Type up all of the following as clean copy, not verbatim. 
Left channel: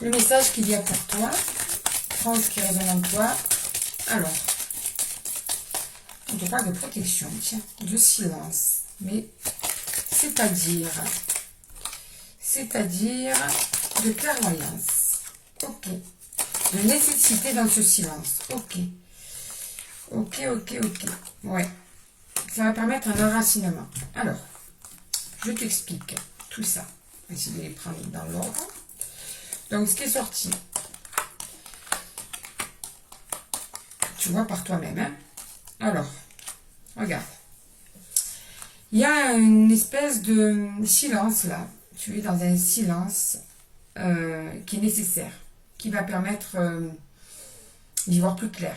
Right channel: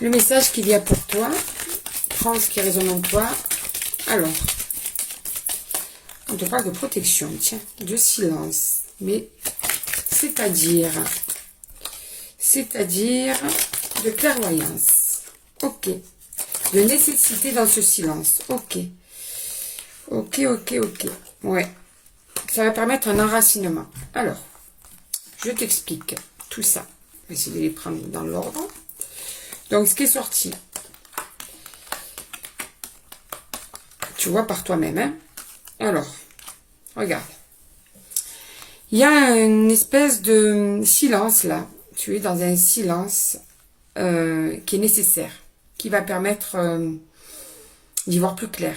Le message qu'il y a pour toi, prends ce qui résonne en toi. Alors, on te parle de protection, tiens, de silence. Mais c'est-à-dire de clairvoyance. Ok. De nécessité dans ce silence. Ok. Ok. Ouais. Ça va permettre un enracinement. Alors, je t'explique tout ça. Je vais essayer de les prendre dans l'ordre. Donc, ce qui est sorti, tu vois par toi-même. Hein? Alors, regarde. Il y a une espèce de silence là. Tu es dans un silence qui est nécessaire, qui va permettre d'y voir plus clair,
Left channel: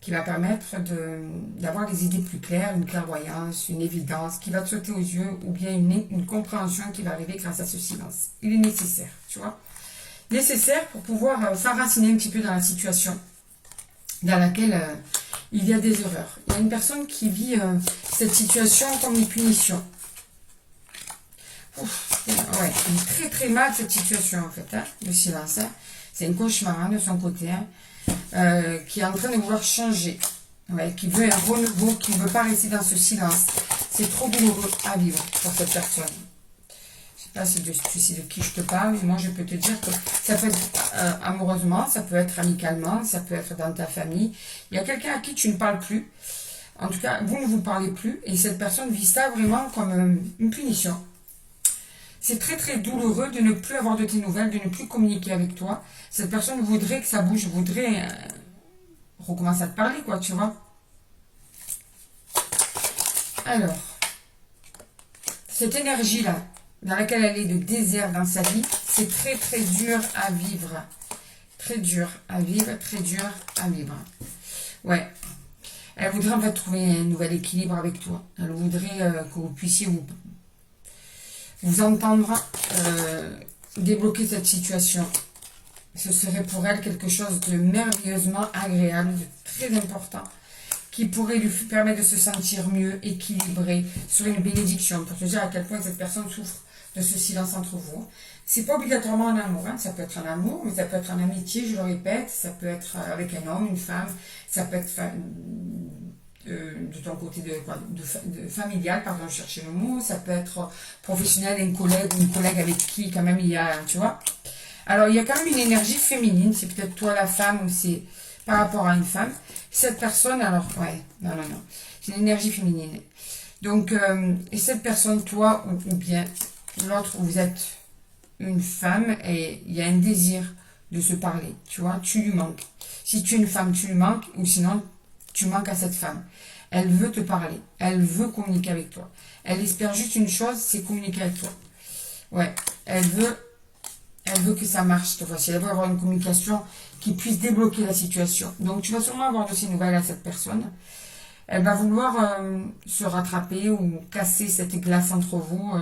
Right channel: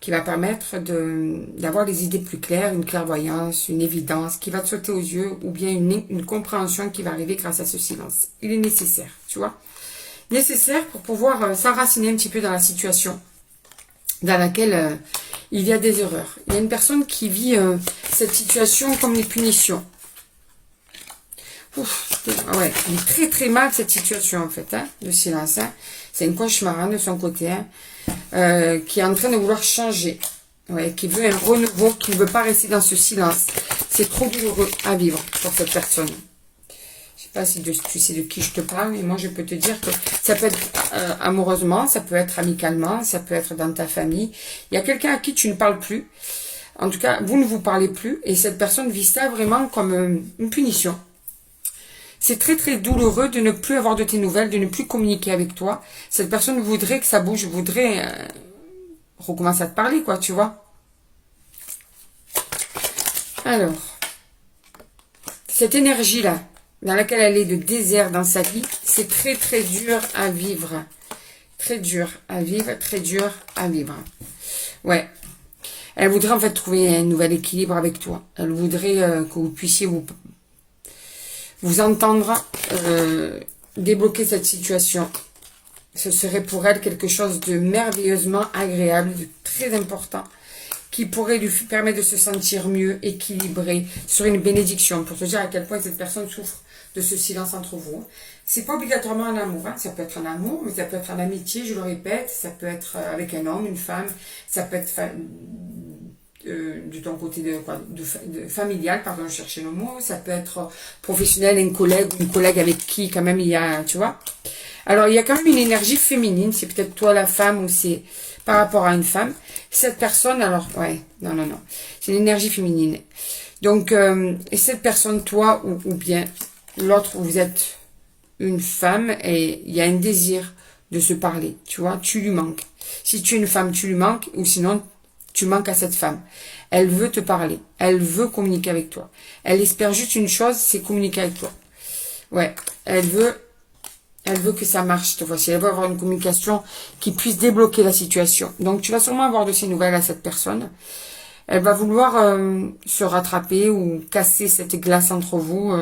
qui va permettre d'avoir les idées plus claires, une clairvoyance, une évidence qui va te sauter aux yeux, ou bien une compréhension qui va arriver grâce à ce silence. Il est nécessaire, tu vois. Nécessaire pour pouvoir s'enraciner un petit peu dans la situation dans laquelle il y a des erreurs. Il y a une personne qui vit cette situation comme des punitions. Ouf, ouais, il est très très mal cette situation en fait, hein, de silence. Hein. C'est un cauchemar hein, de son côté, hein, qui est en train de vouloir changer. Ouais, qui veut un renouveau, qui ne veut pas rester dans ce silence. C'est trop douloureux à vivre pour cette personne. Je sais pas si tu sais de qui je te parle, mais moi je peux te dire que ça peut être amoureusement, ça peut être amicalement, ça peut être dans ta famille. Il y a quelqu'un à qui tu ne parles plus. En tout cas, vous ne vous parlez plus et cette personne vit ça vraiment comme une punition. C'est très très douloureux de ne plus avoir de tes nouvelles, de ne plus communiquer avec toi. Cette personne voudrait que ça bouge, voudrait recommencer à te parler, quoi, tu vois. Alors, cette énergie-là, dans laquelle elle est de désert dans sa vie, c'est très très dur à vivre. Très dur à vivre, très dur à vivre. Ouais. Elle voudrait en fait trouver un nouvel équilibre avec toi. Elle voudrait que vous puissiez vous entendre, débloquer cette situation. Ce serait pour elle quelque chose de merveilleusement agréable, de très important, qui pourrait lui permettre de se sentir mieux, équilibré, sur une bénédiction, pour te dire à quel point cette personne souffre de ce silence entre vous. C'est pas obligatoirement un amour, hein. Ça peut être un amour, mais ça peut être en amitié, je le répète, ça peut être avec un homme, une femme, ça peut être de ton côté de familial, pardon, je cherchais le mot, ça peut être professionnel, un collègue ou une collègue avec qui quand même il y a, tu vois. Alors il y a quand même une énergie féminine, c'est peut-être toi la femme ou c'est par rapport à une femme. Cette personne, alors, ouais, non, c'est une énergie féminine. Donc, et cette personne, toi ou bien l'autre, vous êtes une femme et il y a un désir de se parler, tu vois, tu lui manques. Si tu es une femme, tu lui manques ou sinon tu manques à cette femme. Elle veut te parler. Elle veut communiquer avec toi. Elle espère juste une chose, c'est communiquer avec toi. Ouais, elle veut que ça marche cette fois-ci. Elle veut avoir une communication qui puisse débloquer la situation. Donc, tu vas sûrement avoir de ces nouvelles à cette personne. Elle va vouloir se rattraper ou casser cette glace entre vous.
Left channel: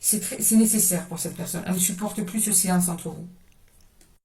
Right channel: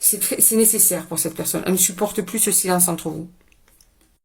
C'est nécessaire pour cette personne. Elle ne supporte plus ce silence entre vous.